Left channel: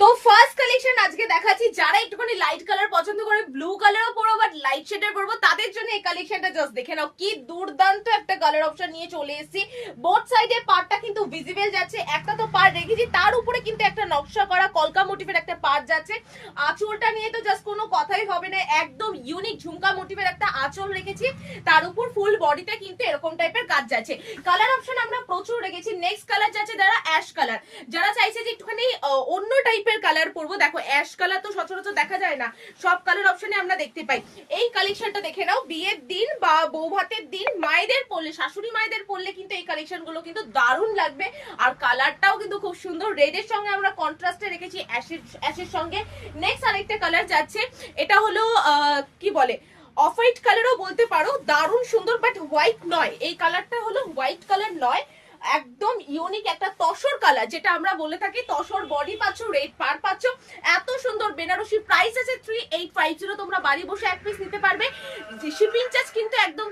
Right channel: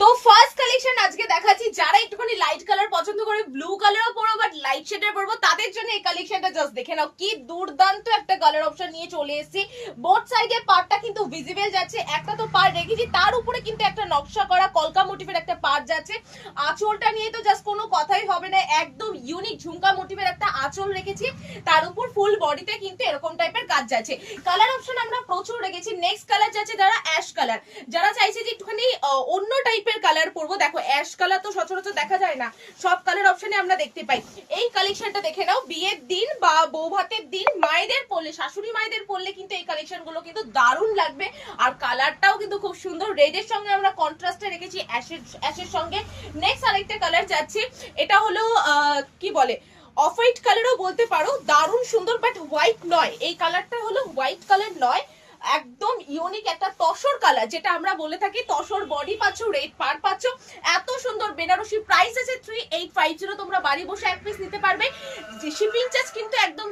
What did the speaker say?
তো first collection আজকে দেখাচ্ছি, যারা একটুখানি লাইট কালার পছন্দ করে, ব্লু কালারও পরবো বাট লাইট শেডের পরবো, তাদের জন্য এই কালেকশনটা জাস্ট দেখে নাও। কি দুর্দান্ত একটা কালার অপশন নিয়ে চলে এসেছি। বোথ সাইডে পার্টটা কিন্তু ভিজিবল যাচ্ছে, একটা তো পার্ট রেখেছি, তার উপরে কিন্তু একটা নকশা করা কলকা মোটিভের একটা পার্ট যাচ্ছে। আঁচলটা নিয়ে তো জাস্ট কোনো কথাই হবে না, একদম ইউনিক ঝুমকা মোটিভের একটা আঁচল রেখেছি, তার উপর ফুল বডিতে কিন্তু এরকম টাইপের কাজ যাচ্ছে। কালার অপশন আমরা প্রচুর রেখেছি। নেক্সট কালার যাচ্ছে যারা অ্যাশ কালার, যারা চাইছে যে একটুখানি অন্য টাইপের কালার পরবো। দেখো অ্যাশ কালার তো সচরাচর দেখা যায় না, সব কালার অপশনে আমরা দেখতে পাই। এই কালেকশনটা দেখে নাও, বিয়ের দিন বা বউ ভাতের দিন মায়েদের পরলে, শাশুড়ি মায়েদের পরলে কিন্তু এই কালেকশন গুলো কিন্তু দারুণ লাগবে। আর কালারটাও কিন্তু খুব সুন্দর, রেডের সঙ্গে আমরা কন্ট্রাস্টে রেখেছি অ্যাশের সঙ্গে। নেক্সট আরেকটা কালার যাচ্ছে, এটা হলো কি বলে অফ হোয়াইট কালারও বলতে পারো, দারুণ সুন্দর বাট হোয়াইট নয়, এই কালারটা হলো হোয়াইট কালার নয়, একদম ইউনিক একটা তসর কালার, যেটা আমরা বলে থাকি তসর বডি পাচ্ছ, রেড পার পাচ্ছ। এত সুন্দর বেনারসি, প্রাইস আছে 3850, তোমরা বাড়ি বসে এক পিস নিতে পারবে। শিপিং চার্জ কিন্তু একদম